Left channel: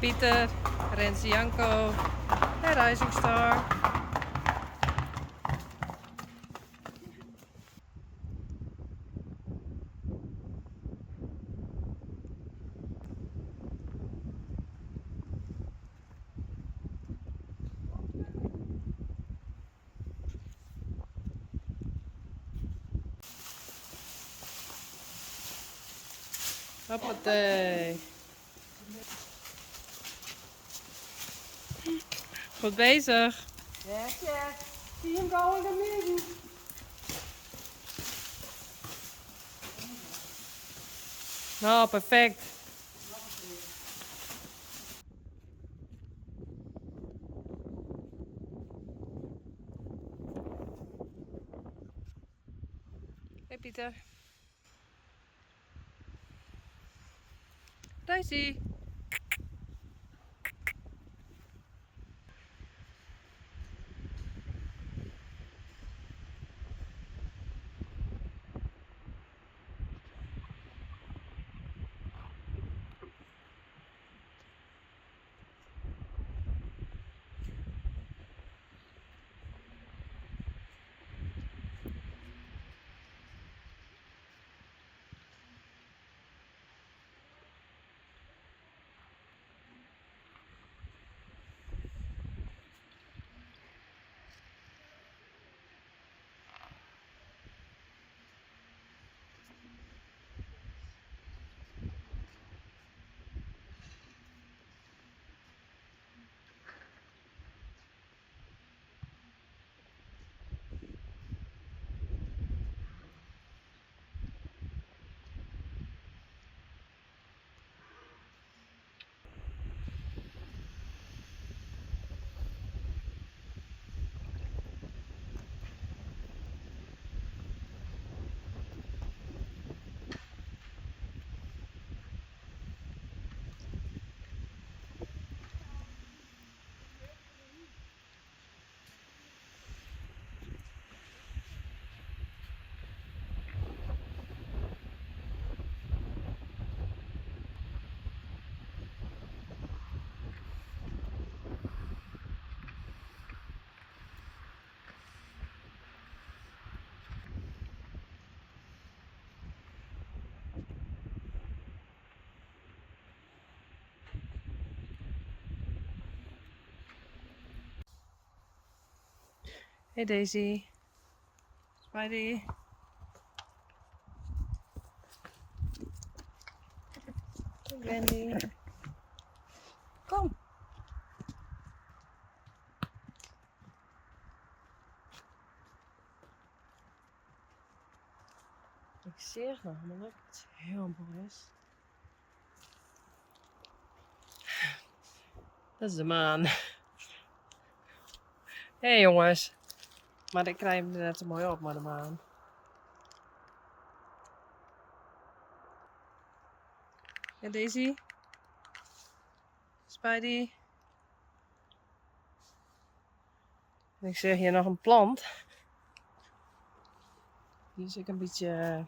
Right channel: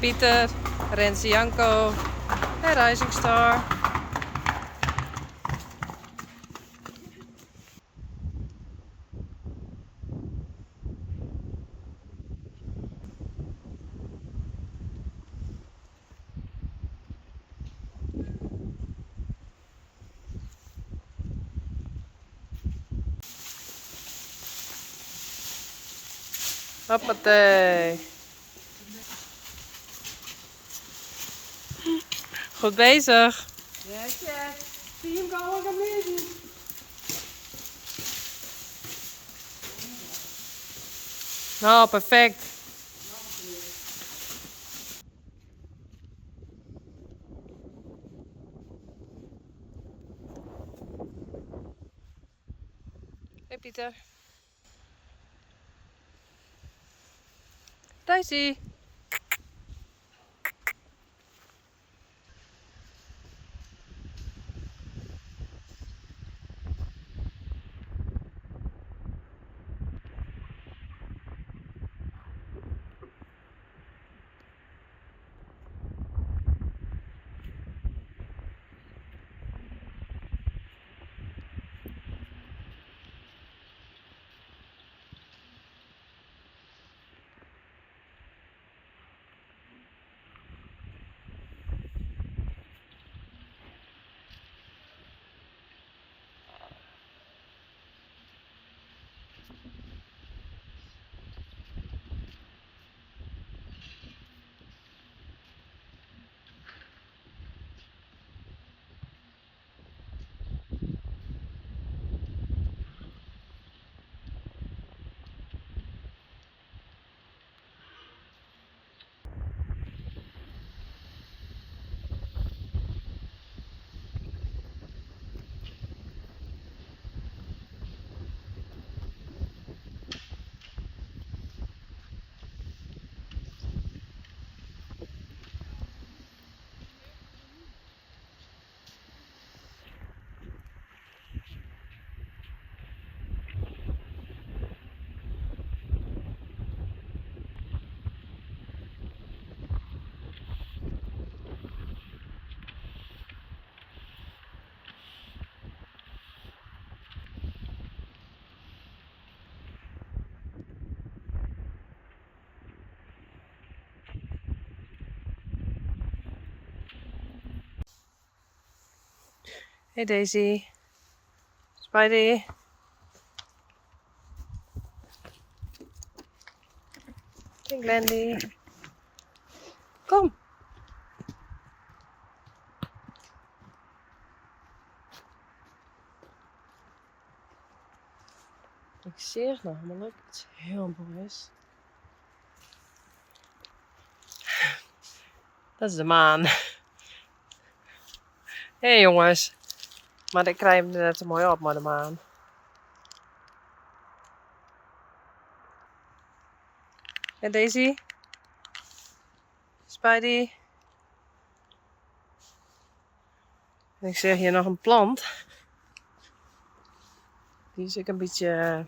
Pieter, Renze Janko en Rising Star. Hoppatee. Goed bezig. Yes, yes. See him going amazing. Nou, perfect. Hey Pieter. Daisy. Hey Daisy. Spidey. Hey Glendy. Kom. Ik zie het namelijk. Het is heel bewust. Dat is de maan. Hé hey, jongens. Maar ik krijg hem er net te mooi op, maar de maan. En Daisy? Spidey? En ik zie hier nog een plant. Die is ik een beetje...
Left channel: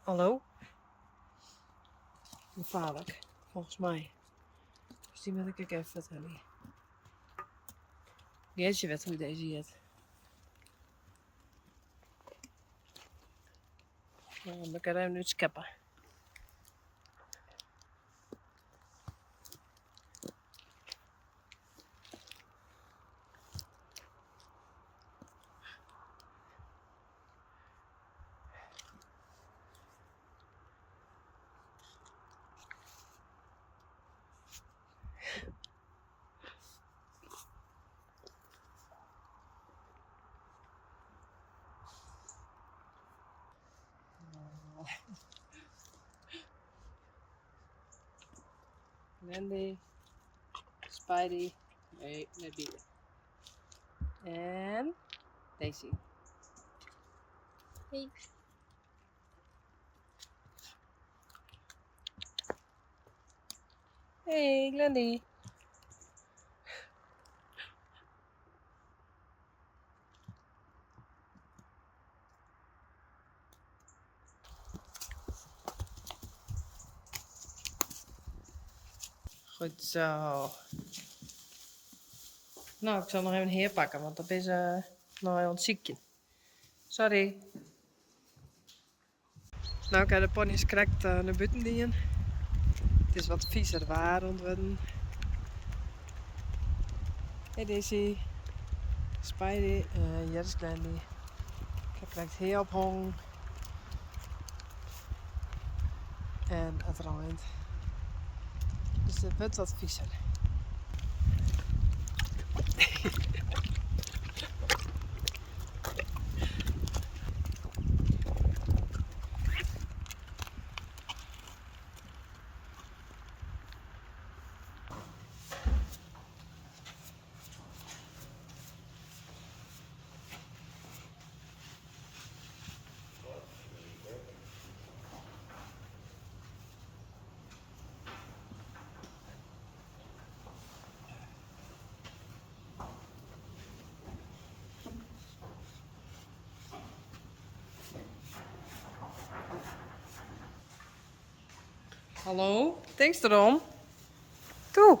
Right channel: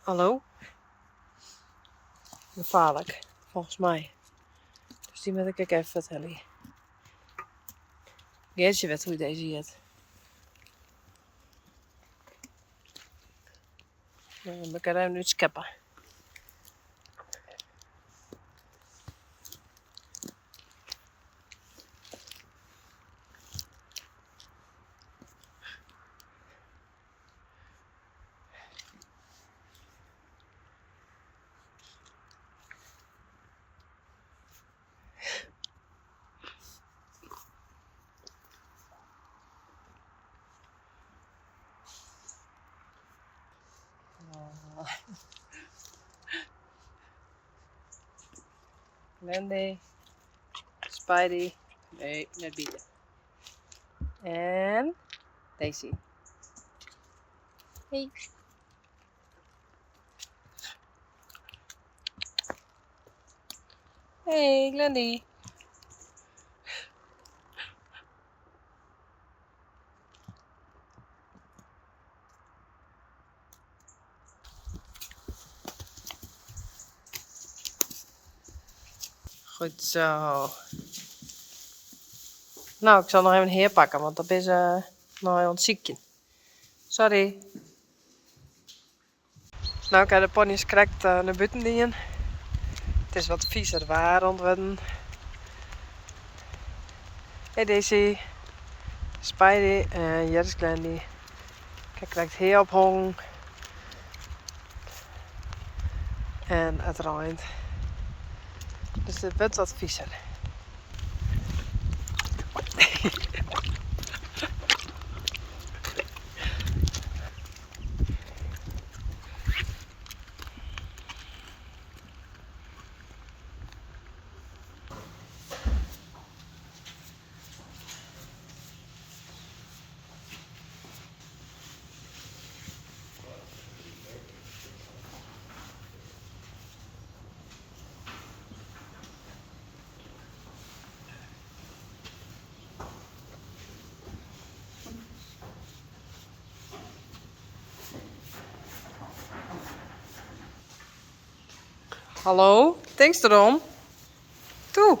Hallo? Gevaarlijk, volgens mij. Dus die moet ik even vertellen. Geertje weet hoe deze heet. We kunnen hem nu scheppen. Wendy. Spidey. Nee, net bieden. En Daisy. Hey. Hey, Glendy. Goed zo. Nou, ik zal nog even herpakken, want dat is nog aan het ziekje. Sorry. Nou, ik heb de ponies correct naar buiten dienen. Het is wat viezer waar ontwedden. Hey Daisy. Spidey en Jerry's Glendy. Kijk, correct hier ophangen. En het regent. Dus het wordt wat viezer. Hallo, thanks erom. Toe.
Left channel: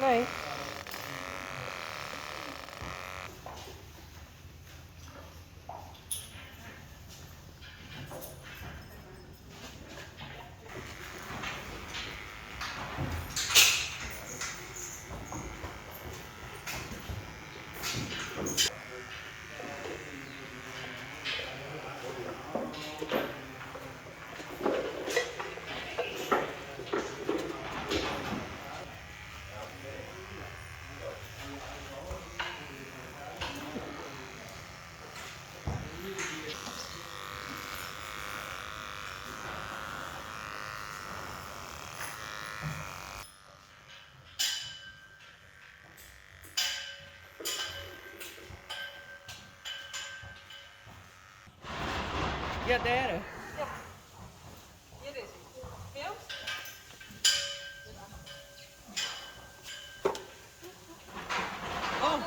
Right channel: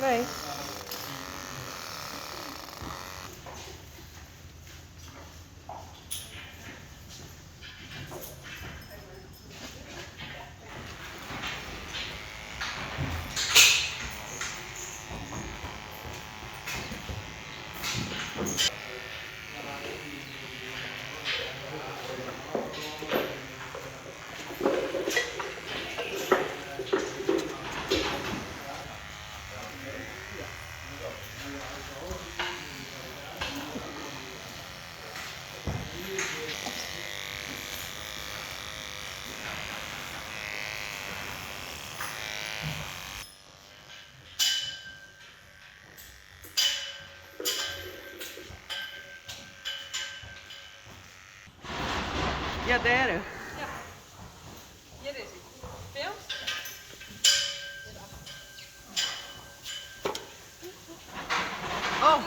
Nee. Ja, daar. Ja. Hier is hij. Veel? Oh.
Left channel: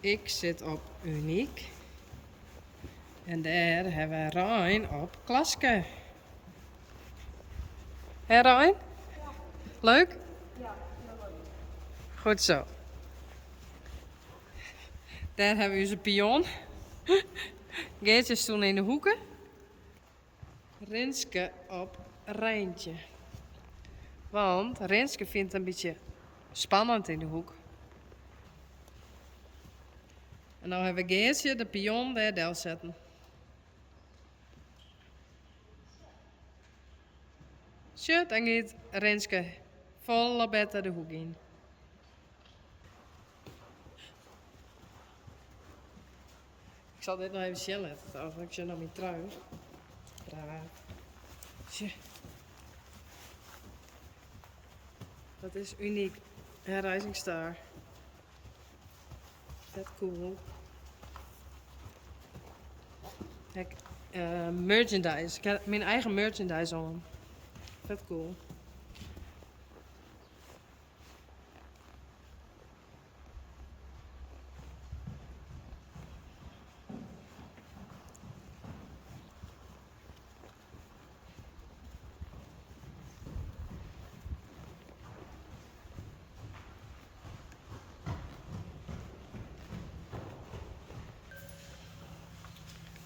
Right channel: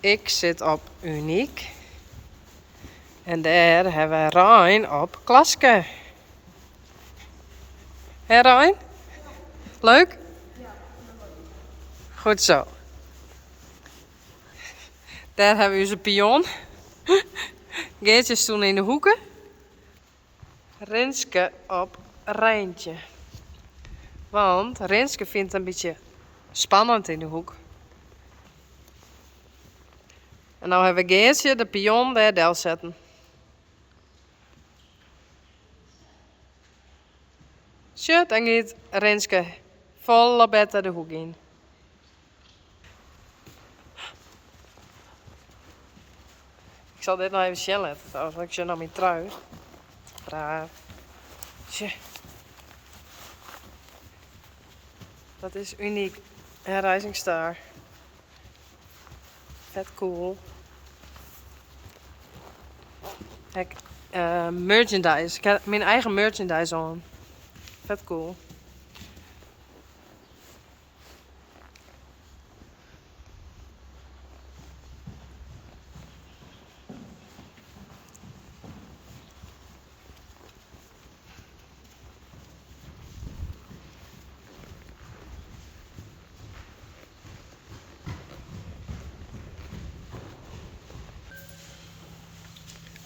Ik zit op Uniek. En daar hebben we Rijn op Klaske. Hé Rijn? Leuk? Goed zo. Daar hebben we onze pion. Geertje is toen in de hoeken. Renske op Rijntje. Want Renske vindt het een beetje spannend in de hoek. En nou hebben we Geertje de pion daar del zetten. Zo, dan gaat Renske volle bed de hoek in. zal dit nog even zien laten trouwens, want ik zit nog mijn trui. Braaf. Tje. Dat is uniek. Een Rising Star. Vet cool. Kijk, merchandise. Ik heb mijn eigen merchandise aan. Vet cool.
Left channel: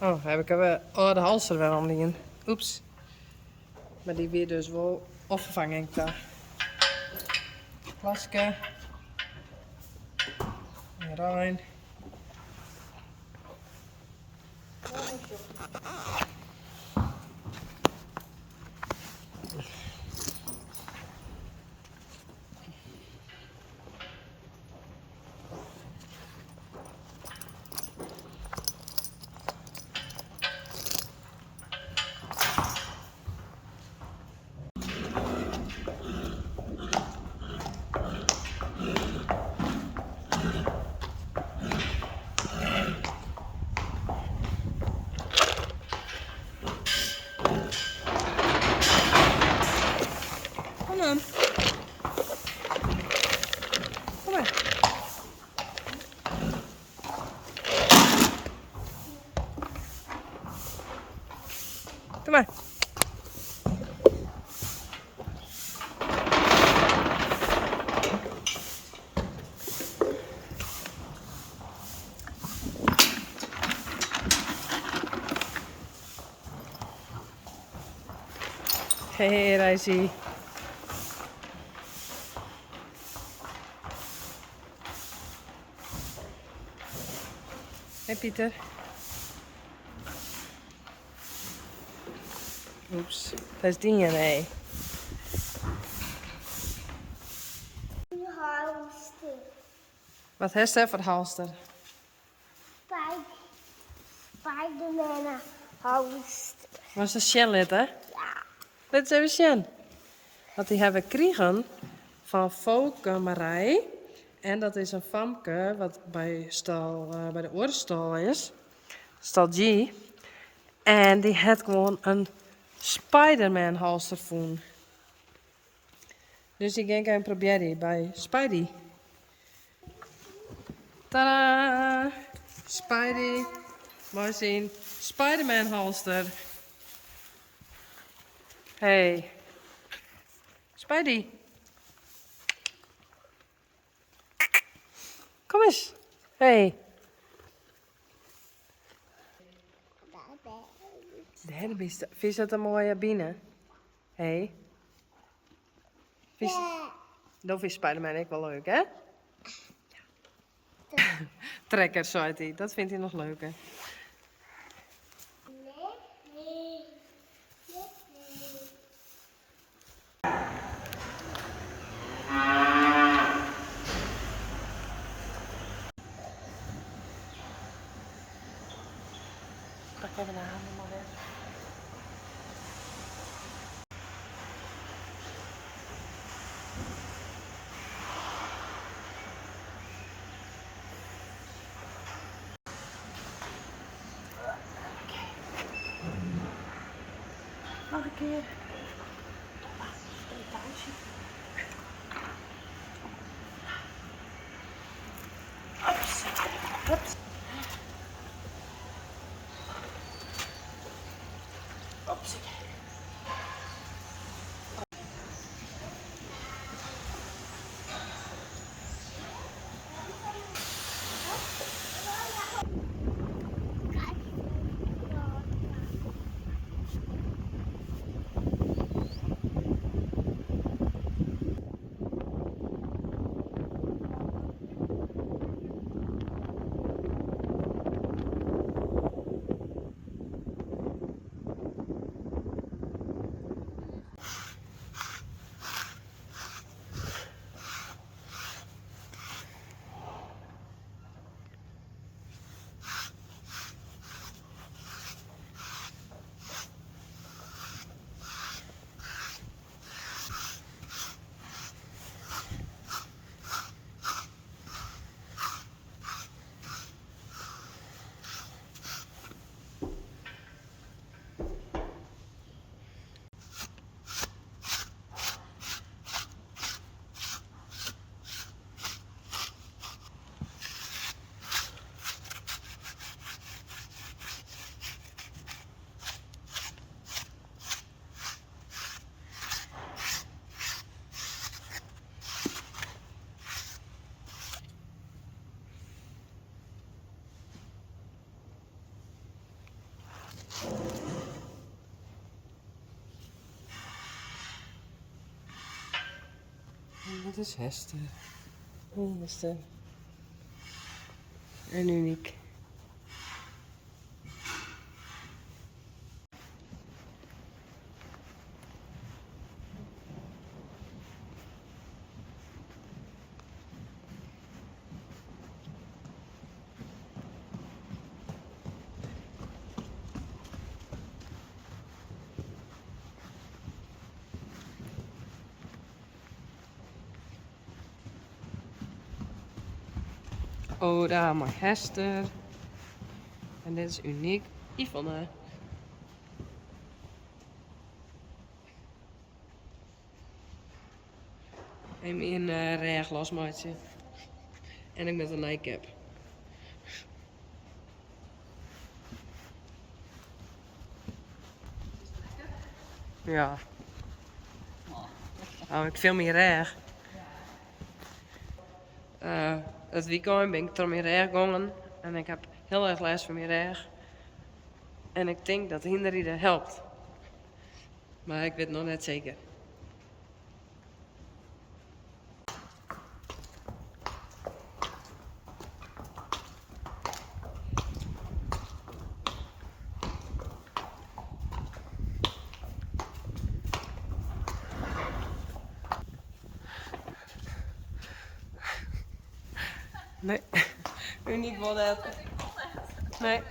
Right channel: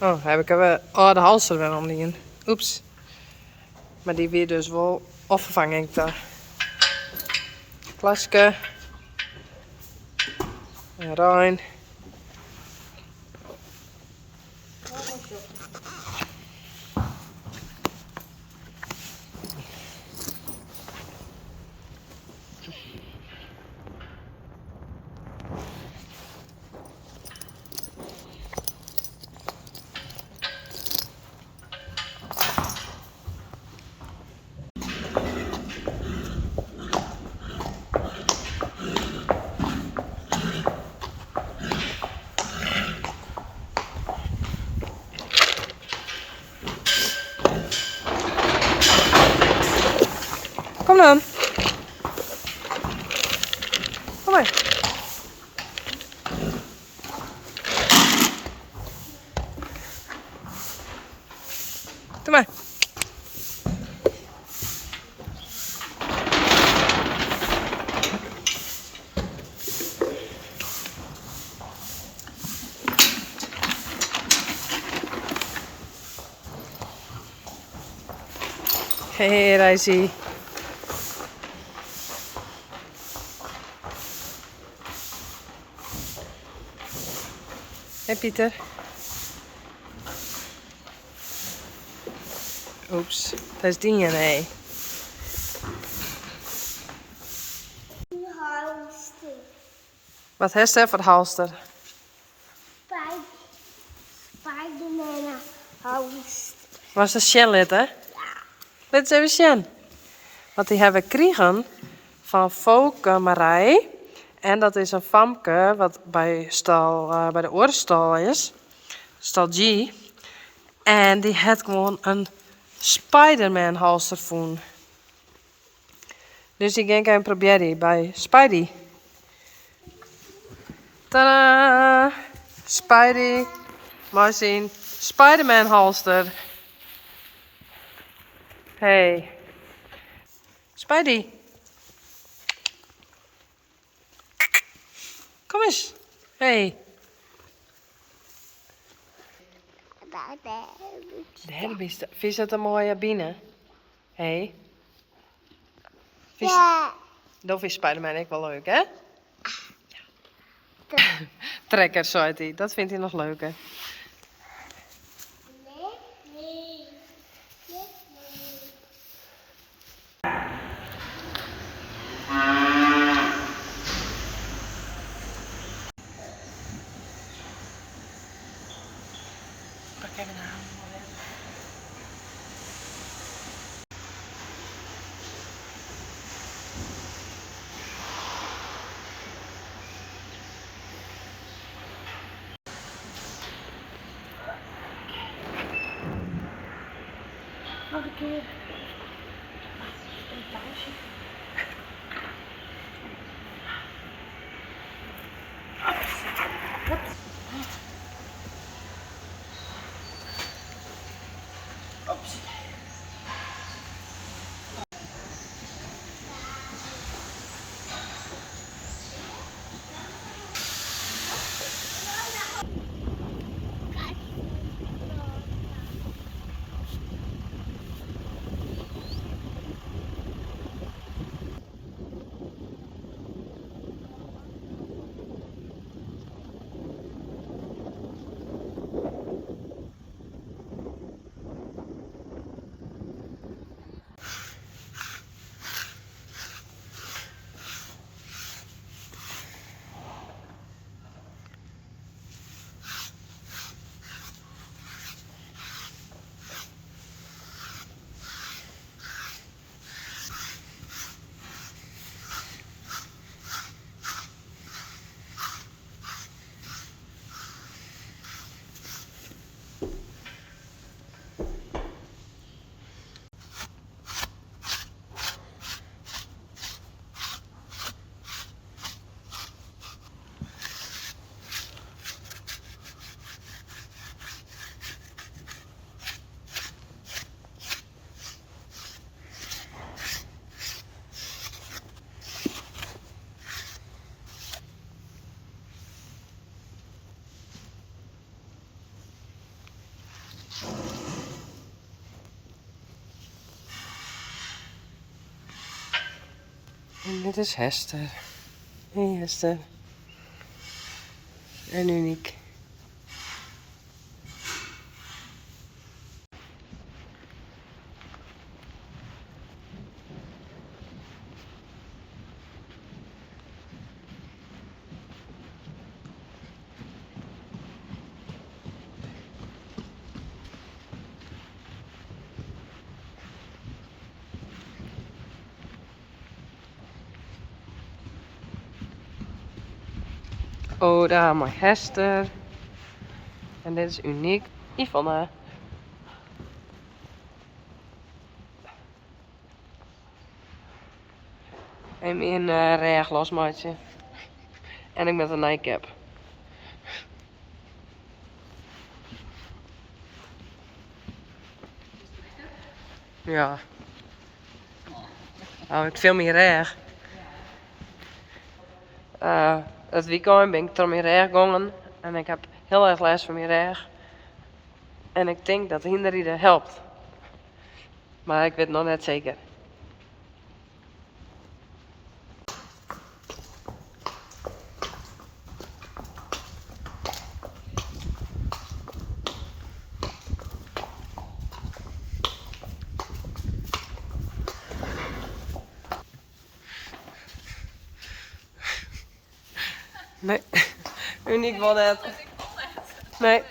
Oh, heb ik even de halster weer omlien. Oeps. Maar die weer dus wel opvervangen ik daar. Klasje. En Rijn. Kom dan. Kom maar. Doe maar. Hey, Rijsie. Hey, Pieter. Oeps, dat is die nee. Halster. Wat heeft hij voor halster? Spiderman halster. Was dat Sjen hè? Ja. Dit is even Sjen. Want die hebben we gekregen van Fouke Marij. En dat is een famke wat bij de oorenstal is. Stal G. En die had gewoon een Spiderman halster voen. Dus ik ging even proberen bij Spidey. Tadaa! Spidey. Maar zien. Spiderman halster. Hey. Spidey. Kom eens. Hey. Daar is de. Vind je dat een mooie binnen? Hey. Ja. Dat vindt Spiderman ook wel leuk, hè? Trekker, zei hij. Dat vindt hij nog leuker. Nee. Pak even de hamer maar weg. Nog een keer. Een pauze. Ops. Ops. Ops. En dit is Hester. Hey Hester. En Uniek. Oh, daar mooi Hester. En dit is Uniek. Yvonne. En in reg losmaatje. En ik met een nightcap. Ja. Nou, ik film hier reg. Het weekend ben ik door mijn reg gegaan. En ik heb heel erg last van mijn reg. En ik denk dat hinderrijden helpt. Maar ik weet het nog net zeker. Nee, Uniek wil net. Nee.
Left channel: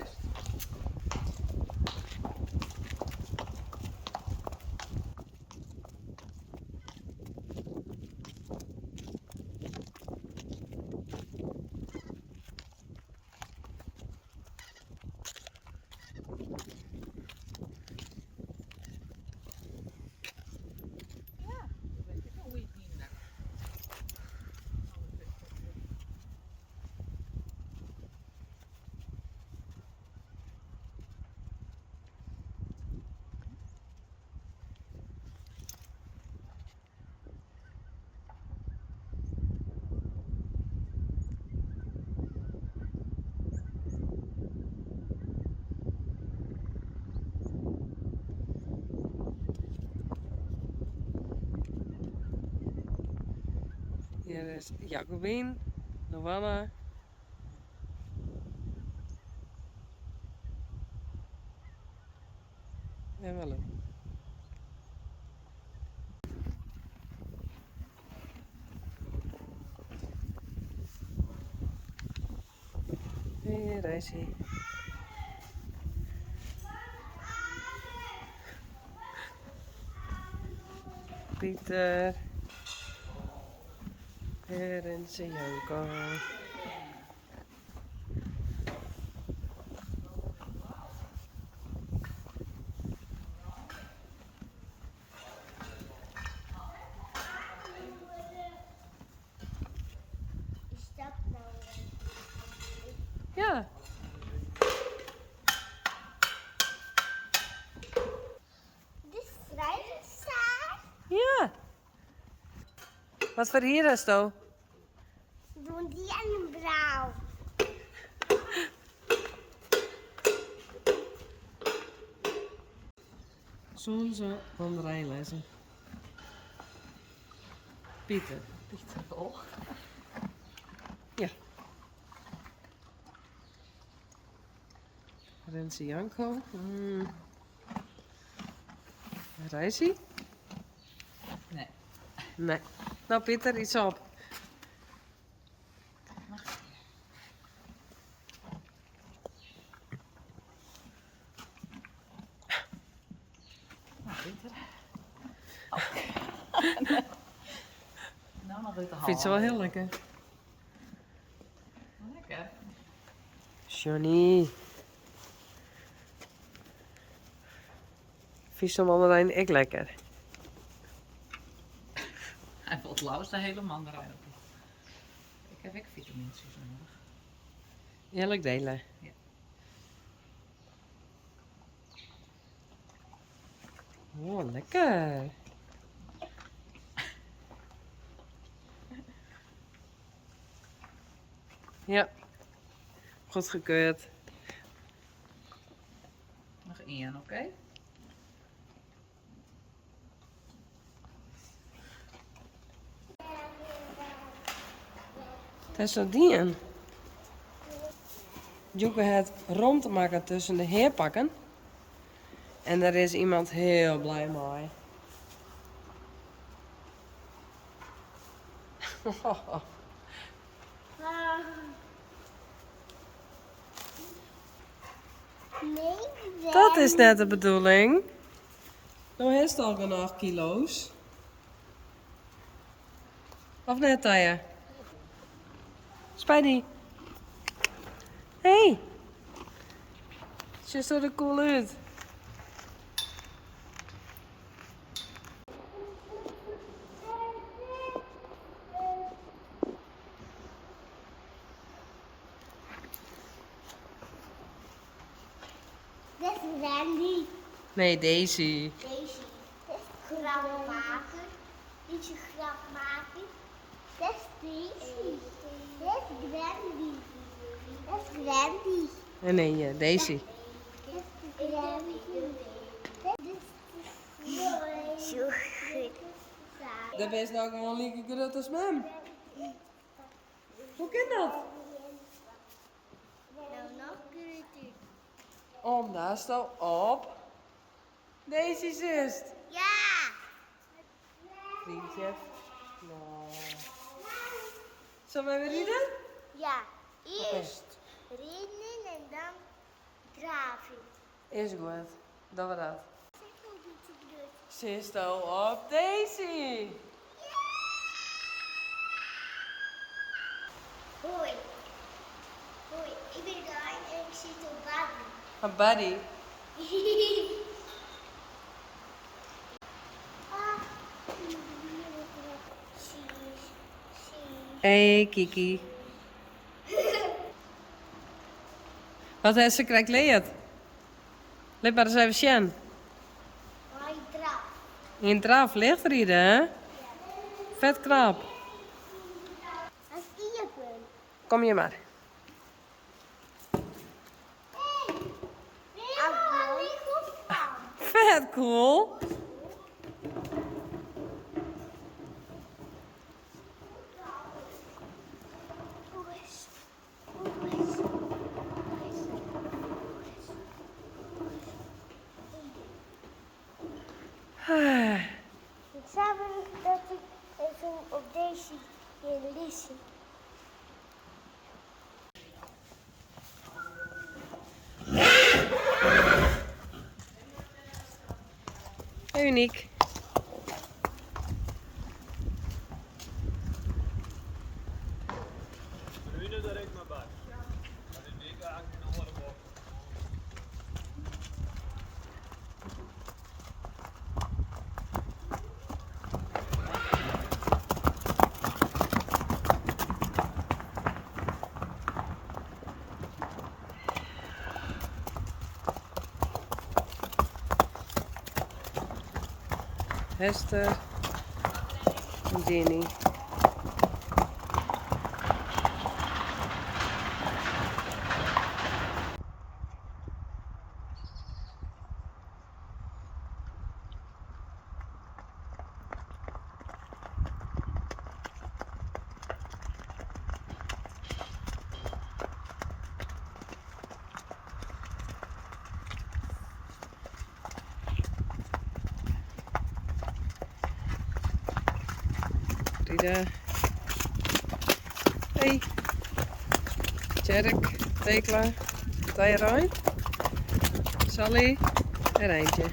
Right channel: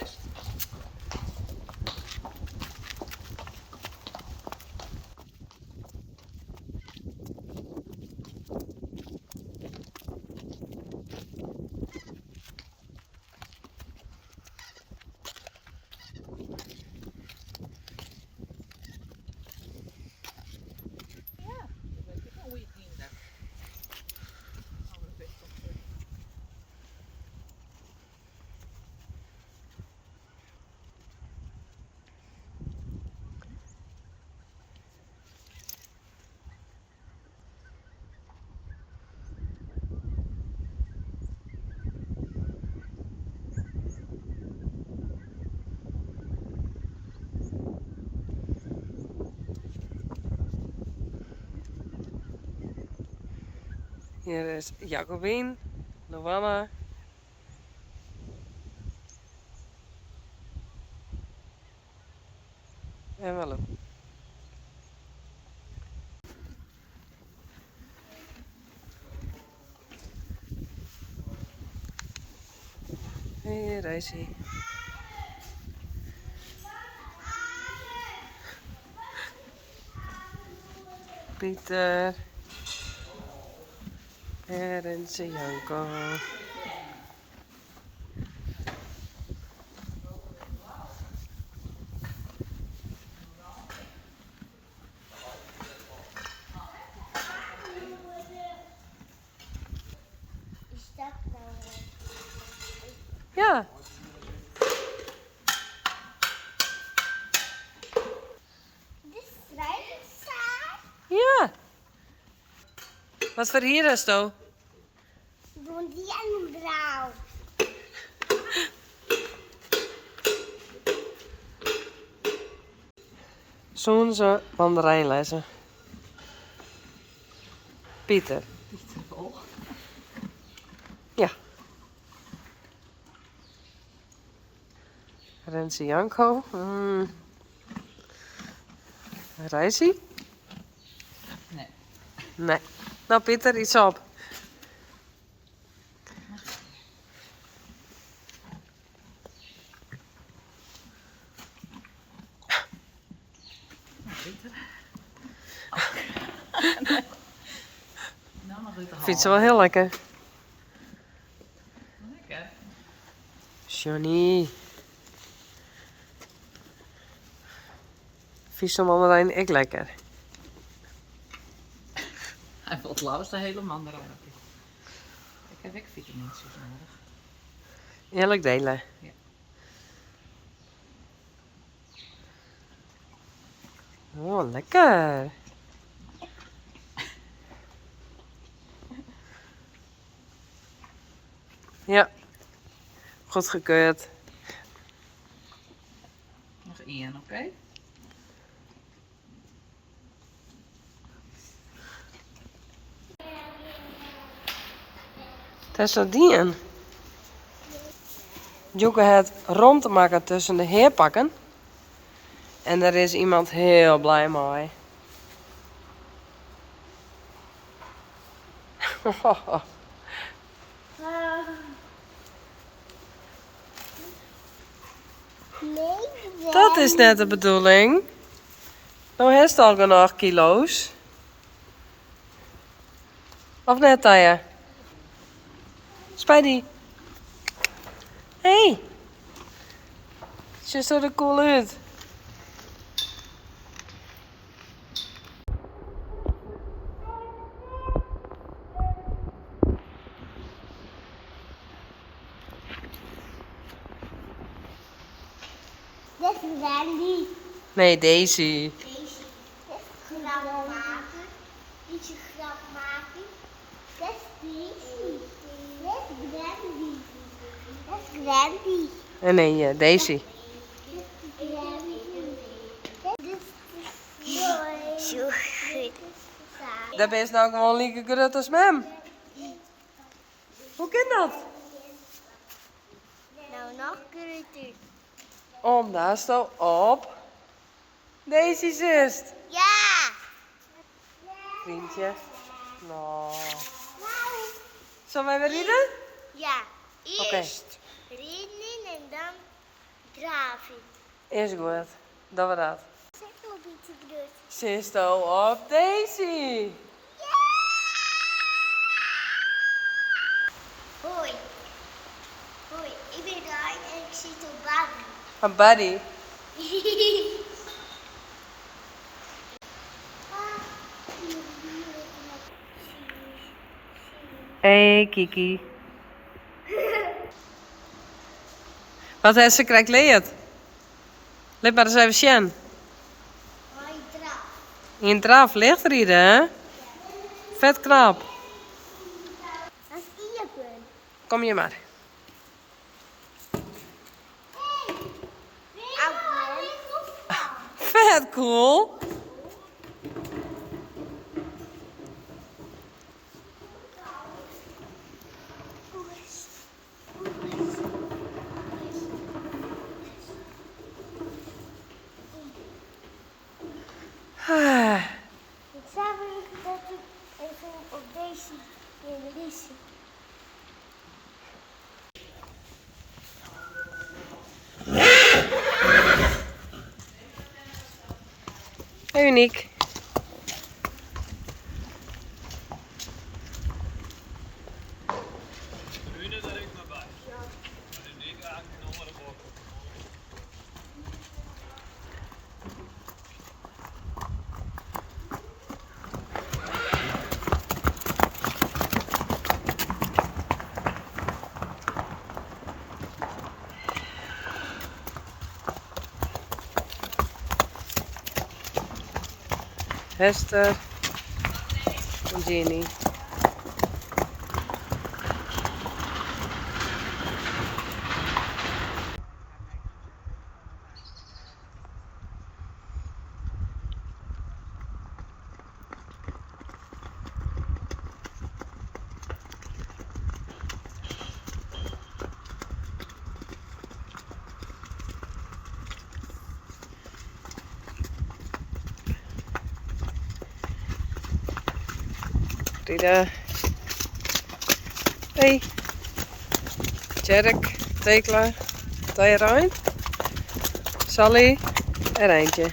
Hier is Jacobien, Luana. En Malou. Hey, daar is hij. Pieter. En Janko. Is dat nou? Ja. De strijkzaar? Ja. Wat voor hier is het? Doen die en blauw. Zo'n ze mandarijnlessen. Pieter. Ja. Renze Janko. Reisi? Nee. Nee. Nou Pieter, iets op. Nou, nog niet te Vindt ze wel heel lekker. Lekker. Johnny. Vies van mandarijn, ik lekker. Hij valt lauws de hele mandarijn op. Ik heb ook vitamines nodig. Eerlijk delen. Ja. Oh, lekker. Ja. Goedgekeurd. Nog één, oké? Het is zo dien. Joeke het rond te maken tussen de heerpakken. En daar is iemand heel blij mee. Nee, Dat is net de bedoeling. Nou heeft het al genoeg kilo's. Of net, Taya? Spidey. Hey. Ziet er cool uit. dat is Randy. Nee, Daisy. Deze. Dat is grap maken. Ietsje grap maken. Dat is Daisy. Dat is Randy. Dat is Randy. Nee, Daisy. Dat is Randy. Dat is zo goed. Dat is nou gewoon lieke groot als mem. Hoe kan dat? Nou, nog groter. Omdat zo op Daisy zit. Ja. Vriendje. Nou. Nou. Zullen wij weer rijden? Ja. Oké. Eerst rennen en dan draven. Is goed. Dat we dat. Zeg nog een beetje groot. Zit zo op Daisy. Hoi. Hoi, ik ben Ryan en ik zit op Barbie. Een buddy. Hey Kiki. Wat heeft ze krijgt leerd? Let maar eens even zien. Hoi, draf. In draf licht rijden, hè? Vet knap. Dat is Iepen. Kom je maar. Vet cool. Ah. Ik zou willen dat ik even op deze wil lezen. Uniek. Hester en Ginny. Frida. Hey. Tjerk, Tekla, Tijrein, Sally en Eindje.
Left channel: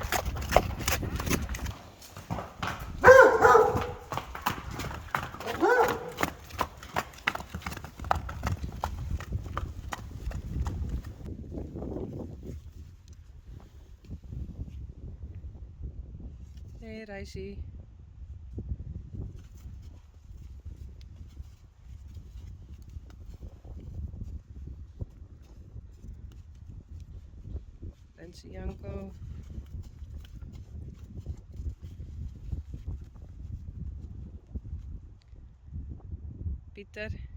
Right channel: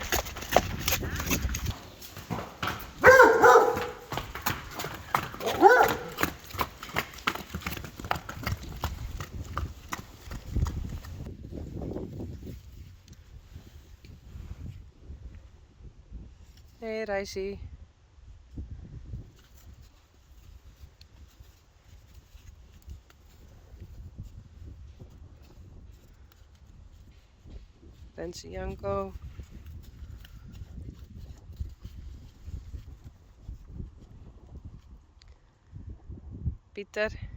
Hey Reissie. Rensie Janko. Pieter.